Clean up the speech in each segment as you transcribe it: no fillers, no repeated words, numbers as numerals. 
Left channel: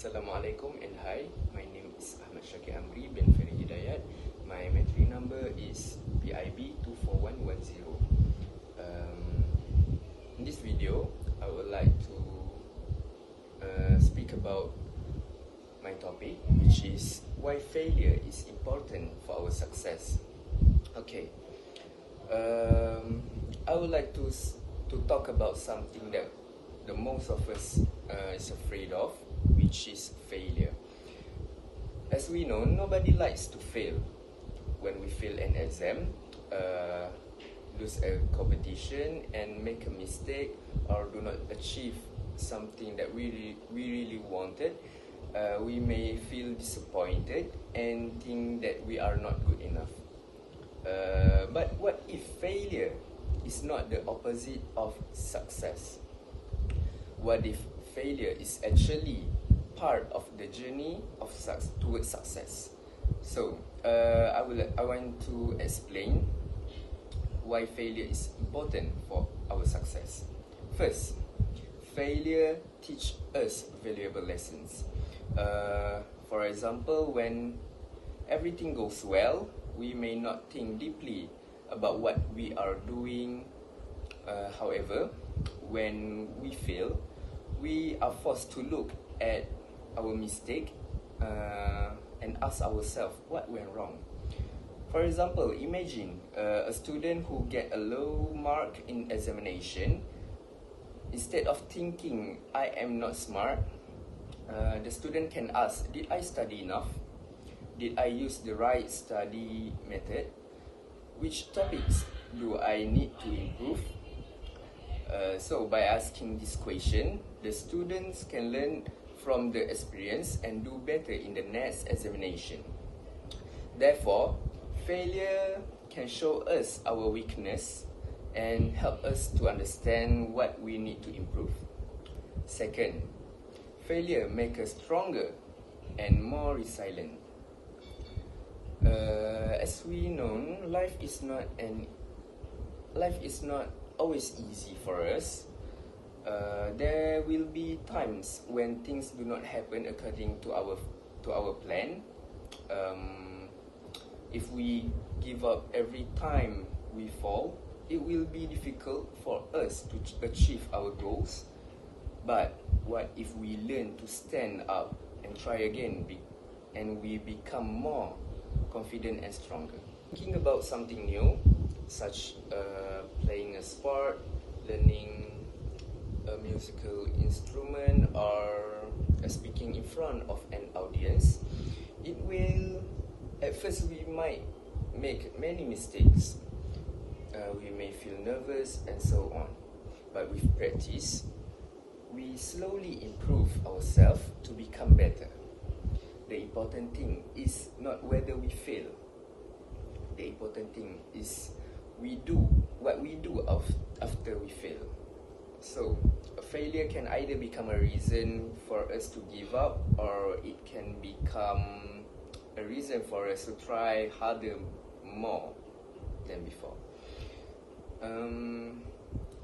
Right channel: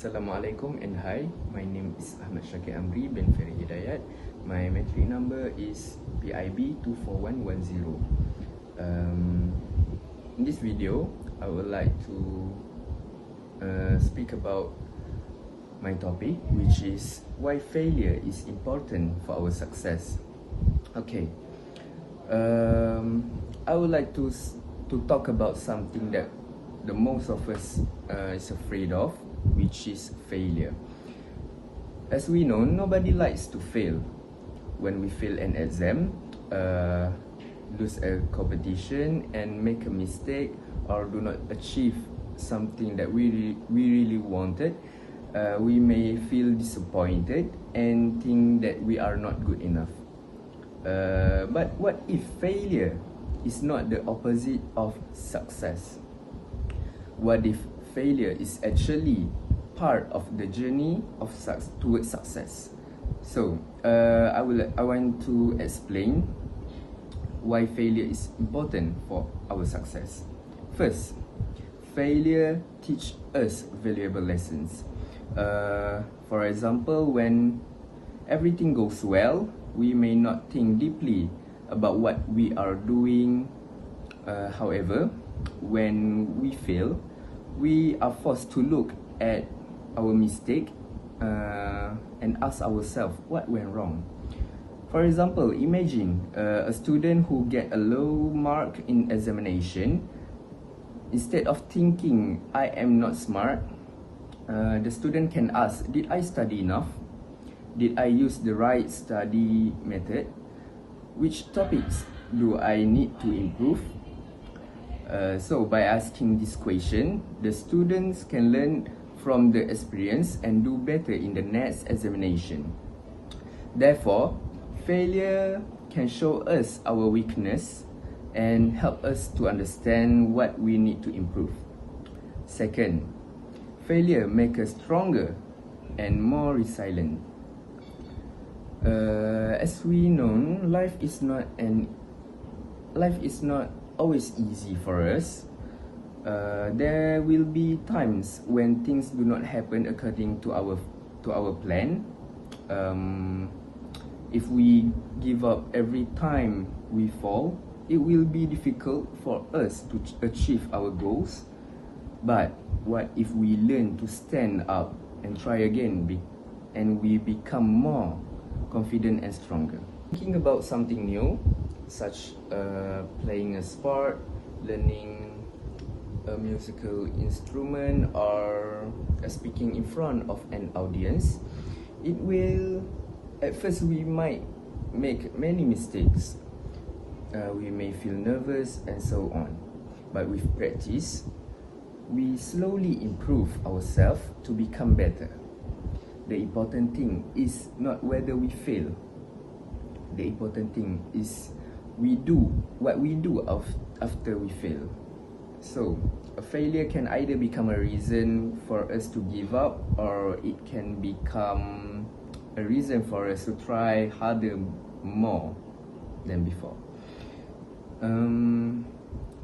Assalamualaikum and hi, my name is Ahmad Shaqir Amri bin Feri Hidayat. My metric number is PIB24110. In this video, I would like to speak about my topic, which is why failure is important for our success. Okay, I would like to talk about something that the most of us is afraid of, which is failure. As we know, nobody likes to fail. When we fail an exam, lose a competition and make a mistake, or do not achieve something that we really wanted, we may feel disappointed and think that we are not good enough. But what if failure is not the opposite of success? What if failure is actually part of the journey of towards success? So, I want to explain why failure is important for our success. First, failure teach us valuable lessons. For example, when everything goes well, we may not think deeply about what we are doing. However, when we fail, we are forced to look at our mistake and ask ourselves what went wrong. For example, imagine a student who get a low mark in examination. Instead of thinking, I am not smart, the student can ask, did I study enough? Did I use the right study method? Which topics do I need to improve? So by asking this question, the students can learn from the experience and do better in the next examination. Therefore, failure can show us our weakness and help us to understand what we need to improve. Second, failure makes us stronger and more resilient. As we know, life is not always easy for us. There will be times when things do not happen according to our plan. If we give up every time we fall, it will be difficult for us to achieve our goals. But what if we learn to stand up and try again, and we become more confident and stronger? Thinking about something new, such playing a sport, learning a musical instrument, or speaking in front of an audience, at first we might make many mistakes. We may feel nervous and so on. But with practice, we slowly improve ourselves to become better. The important thing is not whether we fail. The important thing is we do what we do after we fail. So, a failure can either become a reason for us to give up, or it can become a reason for us to try harder more than before.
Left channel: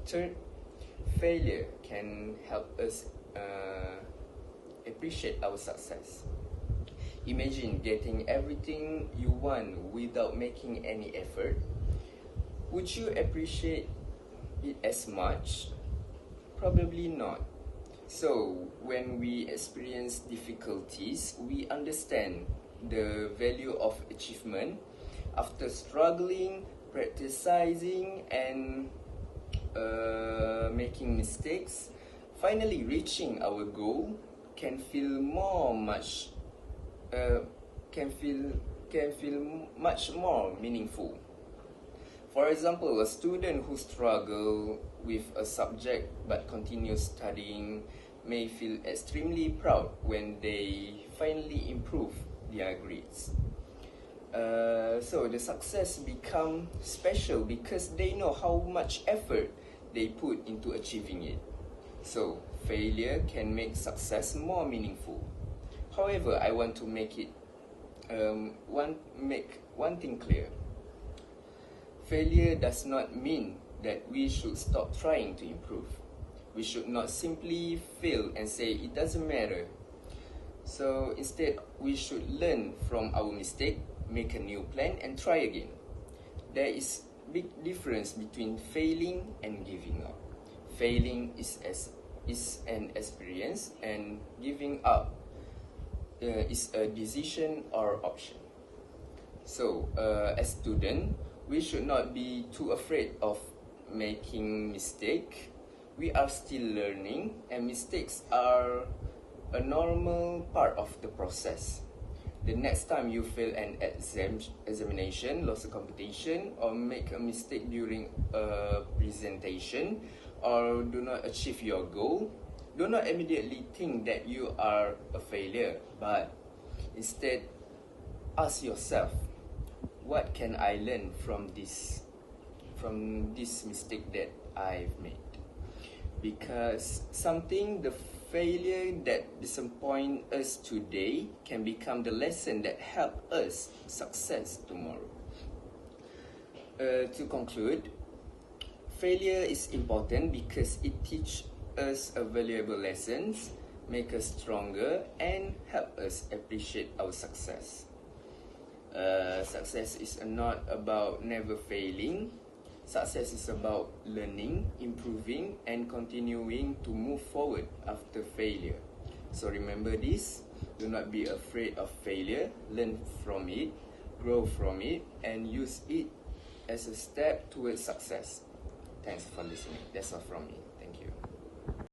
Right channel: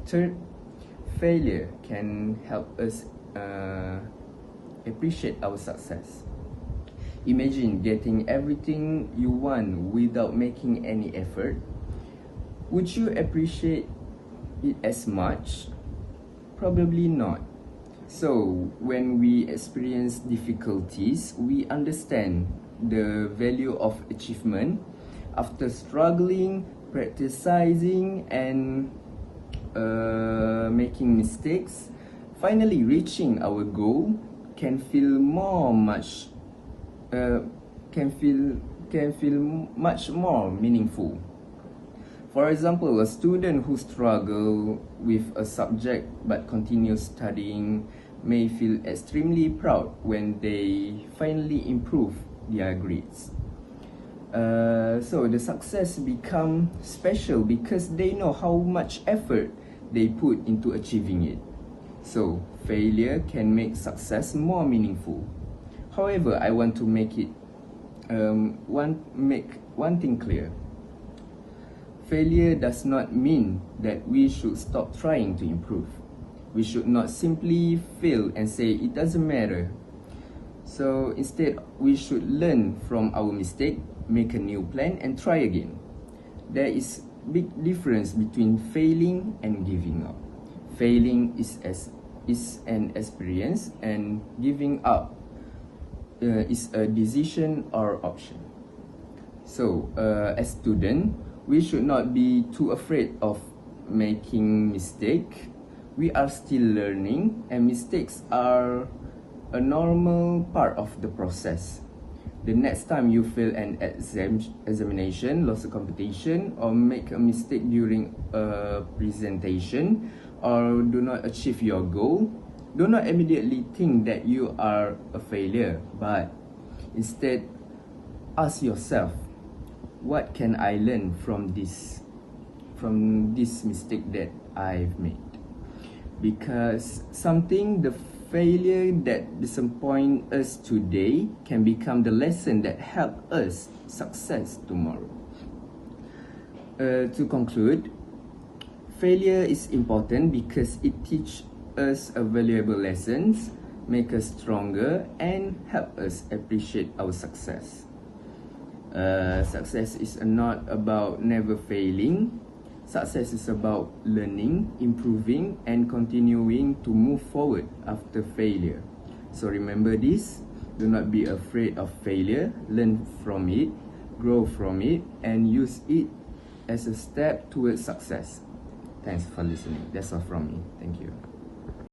Third, failure can help us appreciate our success. Imagine getting everything you want without making any effort. Would you appreciate it as much? Probably not. So, when we experience difficulties, we understand the value of achievement. After struggling, practicing, and making mistakes, finally reaching our goal can feel much more meaningful. For example, a student who struggles with a subject but continues studying may feel extremely proud when they finally improve their grades. So the success becomes special because they know how much effort they put into achieving it. So failure can make success more meaningful. However, I want to make one thing clear. Failure does not mean that we should stop trying to improve. We should not simply fail and say it doesn't matter. So instead, we should learn from our mistake, make a new plan, and try again. There is big difference between failing and giving up. Failing is an experience, and giving up is a decision or option. So, as students, we should not be too afraid of making mistake. We are still learning, and mistakes are a normal part of the process. The next time you fail an examination, lose a competition, or make a mistake during a presentation, or do not achieve your goal, do not immediately think that you are a failure, but instead ask yourself, what can I learn from this mistake that I've made? Because the failure that disappoint us today can become the lesson that help us success tomorrow. To conclude, failure is important because it teaches us a valuable lessons, make us stronger, and help us appreciate our success. Success is not about never failing. Success is about learning, improving, and continuing to move forward after failure. So remember this, do not be afraid of failure, learn from it, grow from it, and use it as a step towards success. Thanks for listening. That's all from me. Thank you.